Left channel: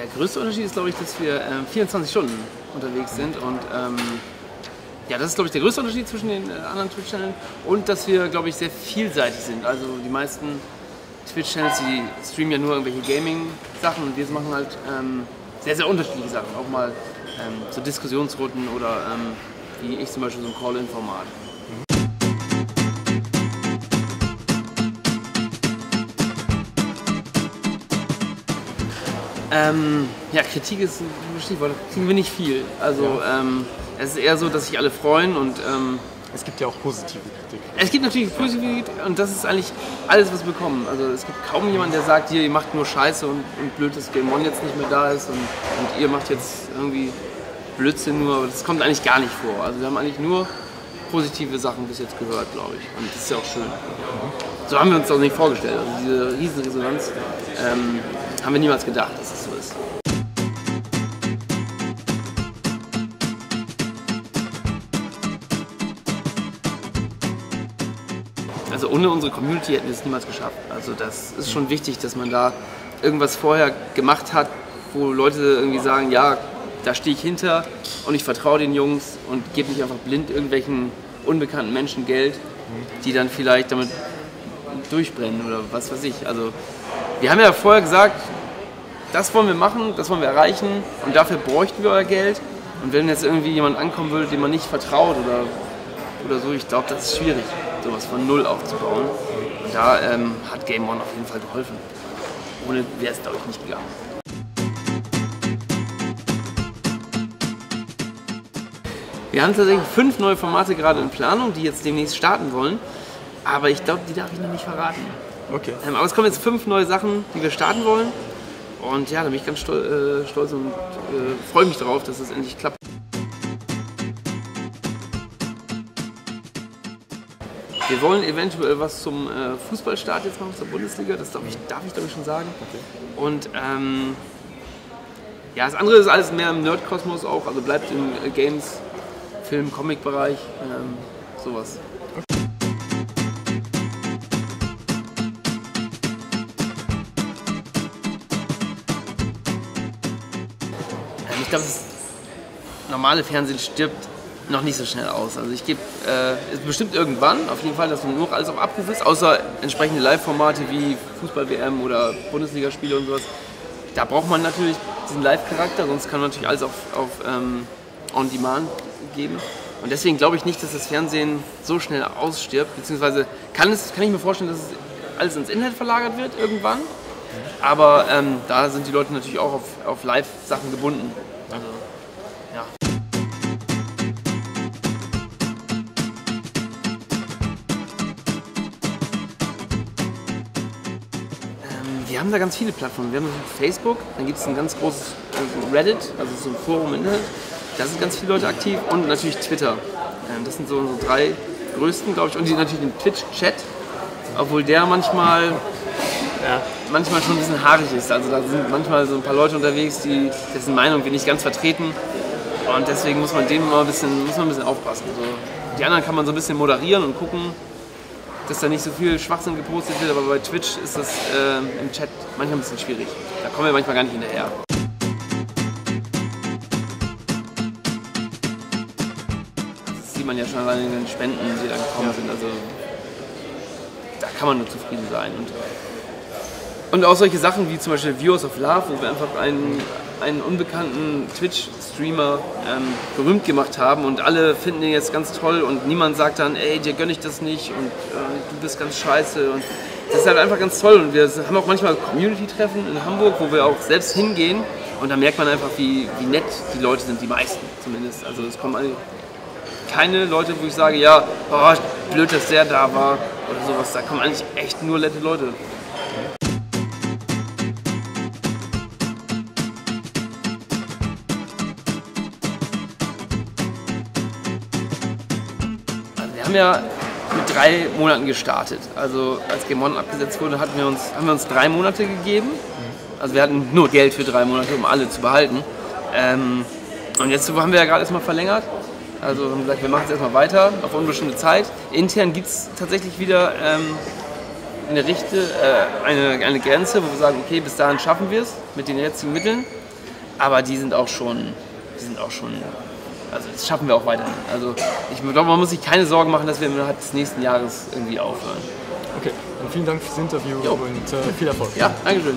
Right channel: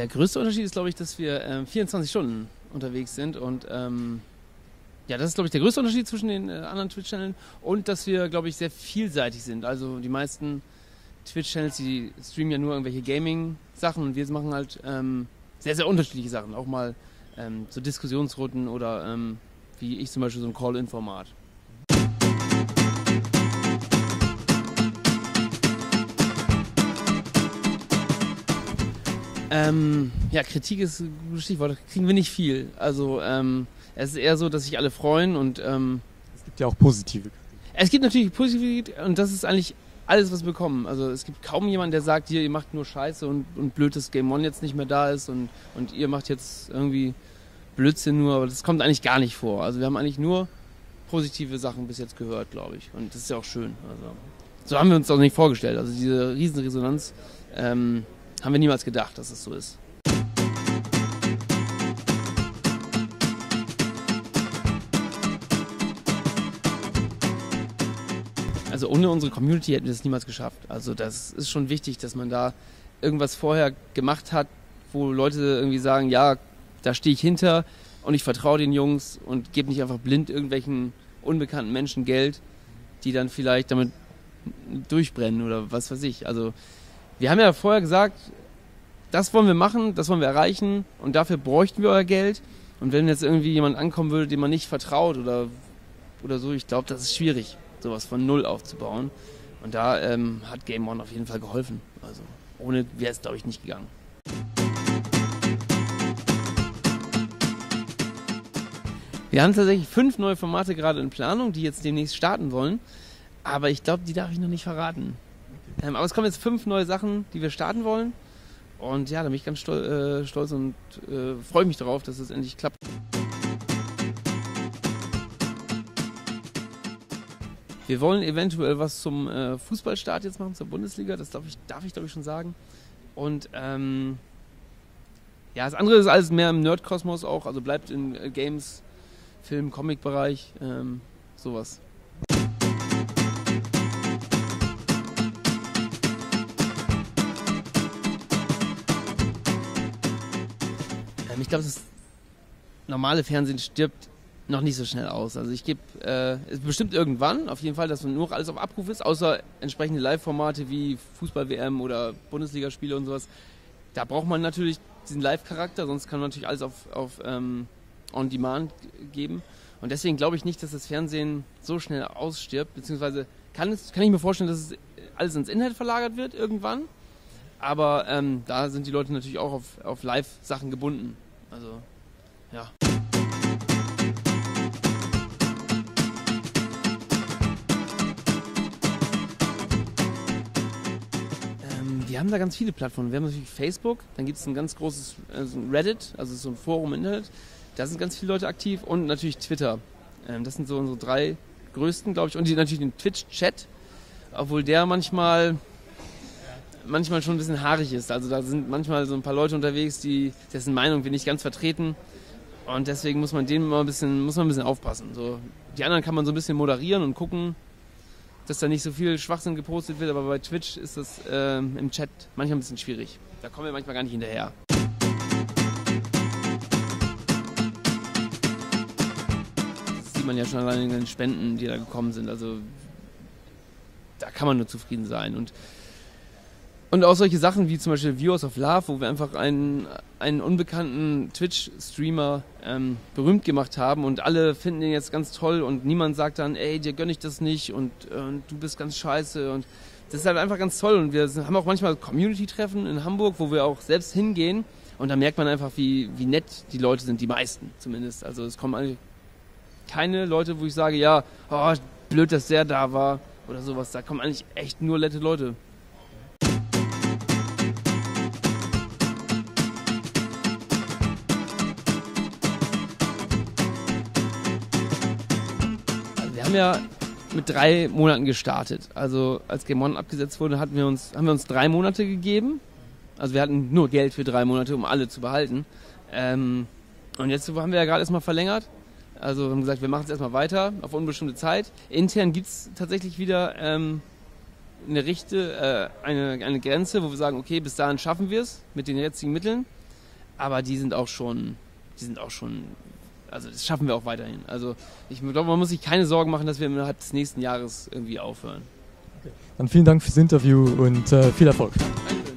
Der größte Unterschied ist, glaube ich, dass wir 24 Stunden unterwegs sind und ja, das ist, glaube ich, der größte Unterschied zwischen den anderen Twitch-Channeln und dass wir, glaube ich, sehr vielseitig sind. Also die meisten Twitch-Channels, die streamen ja nur irgendwelche Gaming-Sachen und wir machen halt sehr, sehr unterschiedliche Sachen. Auch mal so Diskussionsrunden oder wie ich zum Beispiel so ein Call-In-Format. Ja, Kritik ist ein Stichwort, da kriegen wir nicht viel. Also es ist eher so, dass sich alle freuen und es gibt ja auch positive Kritik. Es gibt natürlich positive Kritik und das ist eigentlich alles, was wir bekommen. Also es gibt kaum jemanden, der sagt, hier, ihr macht nur Scheiße und blöd, dass Game One jetzt nicht mehr da ist und ihr macht jetzt irgendwie Blödsinn nur. Das kommt eigentlich gar nicht vor. Also wir haben eigentlich nur positive Sachen bis jetzt gehört, glaube ich. Und das ist ja auch schön. So haben wir uns das nicht vorgestellt. Also diese riesige Resonanz haben wir niemals gedacht, dass es so ist. Also ohne unsere Community hätten wir es niemals geschafft. Also das ist schon wichtig, dass man da irgendwas vorher gemacht hat, wo Leute irgendwie sagen, ja, da stehe ich hinter und ich vertraue den Jungs und gebe nicht einfach blind irgendwelchen unbekannten Menschen Geld, die dann vielleicht damit durchbrennen oder was weiß ich. Also wir haben ja vorher gesagt, das wollen wir machen, das wollen wir erreichen und dafür bräuchten wir euer Geld. Und wenn jetzt irgendwie jemand ankommen würde, dem man nicht vertraut oder so, ich glaube, das ist schwierig, sowas von null aufzubauen. Und da hat Game One auf jeden Fall geholfen. Also, ohne wäre es, glaube ich, nicht gegangen. Wir haben tatsächlich 5 neue Formate gerade in Planung, die jetzt demnächst starten wollen. Aber ich glaube, die darf ich noch nicht verraten. Okay. Aber es kommen jetzt 5 neue Sachen, die wir starten wollen. Und ja, da bin ich ganz stolz und freue mich darauf, dass es endlich klappt. Wir wollen eventuell was zum Fußballstart jetzt machen, zur Bundesliga, das darf ich glaube ich schon sagen. Okay. Und ja, das andere ist alles mehr im Nerdkosmos auch, also bleibt im Games, Film, Comic-Bereich, sowas. Ich glaube, das normale Fernsehen stirbt noch nicht so schnell aus. Also ich gebe bestimmt irgendwann, auf jeden Fall, dass nur noch alles auf Abruf ist, außer entsprechende Live-Formate wie Fußball-WM oder Bundesligaspiele und sowas. Da braucht man natürlich diesen Live-Charakter, sonst kann man natürlich alles auf On-Demand geben. Und deswegen glaube ich nicht, dass das Fernsehen so schnell ausstirbt, beziehungsweise kann ich mir vorstellen, dass es alles ins Internet verlagert wird irgendwann. Aber da sind die Leute natürlich auch auf Live-Sachen gebunden. Also, ja. Wir haben da ganz viele Plattformen. Wir haben Facebook, dann gibt es ein ganz großes Reddit, also so ein Forum im Internet. Da sind ganz viele Leute aktiv und natürlich Twitter. Das sind so unsere 3 größten, glaube ich. Und natürlich den Twitch-Chat, obwohl der manchmal schon ein bisschen haarig ist. Also da sind manchmal so ein paar Leute unterwegs, dessen Meinung wir nicht ganz vertreten. Und deswegen muss man dem immer ein bisschen aufpassen. So, die anderen kann man so ein bisschen moderieren und gucken, dass da nicht so viel Schwachsinn gepostet wird. Aber bei Twitch ist das im Chat manchmal ein bisschen schwierig. Da kommen wir manchmal gar nicht hinterher. Das sieht man ja schon allein in den Spenden, die da gekommen sind. Also da kann man nur zufrieden sein. Und auch solche Sachen wie zum Beispiel Viewers of Love, wo wir einfach einen unbekannten Twitch-Streamer berühmt gemacht haben und alle finden ihn jetzt ganz toll und niemand sagt dann, ey, dir gönne ich das nicht und du bist ganz scheiße. Und das ist halt einfach ganz toll und wir haben auch manchmal Community-Treffen in Hamburg, wo wir auch selbst hingehen und da merkt man einfach, wie nett die Leute sind, die meisten zumindest. Also es kommen keine Leute, wo ich sage, ja, oh, blöd, dass der da war oder sowas. Da kommen eigentlich echt nur nette Leute. Wir haben ja mit 3 Monaten gestartet. Also als Game One abgesetzt wurde, haben wir uns 3 Monate gegeben. Also wir hatten nur Geld für 3 Monate, um alle zu behalten. Und jetzt haben wir ja gerade erstmal verlängert. Also haben gesagt, wir machen es erstmal weiter auf unbestimmte Zeit. Intern gibt es tatsächlich wieder eine Grenze, wo wir sagen, okay, bis dahin schaffen wir es mit den jetzigen Mitteln, aber die sind auch schon, also das schaffen wir auch weiterhin. Also ich glaube, man muss sich keine Sorgen machen, dass wir innerhalb des nächsten Jahres irgendwie aufhören. Okay, dann vielen Dank fürs Interview und viel Erfolg. Ja, danke schön.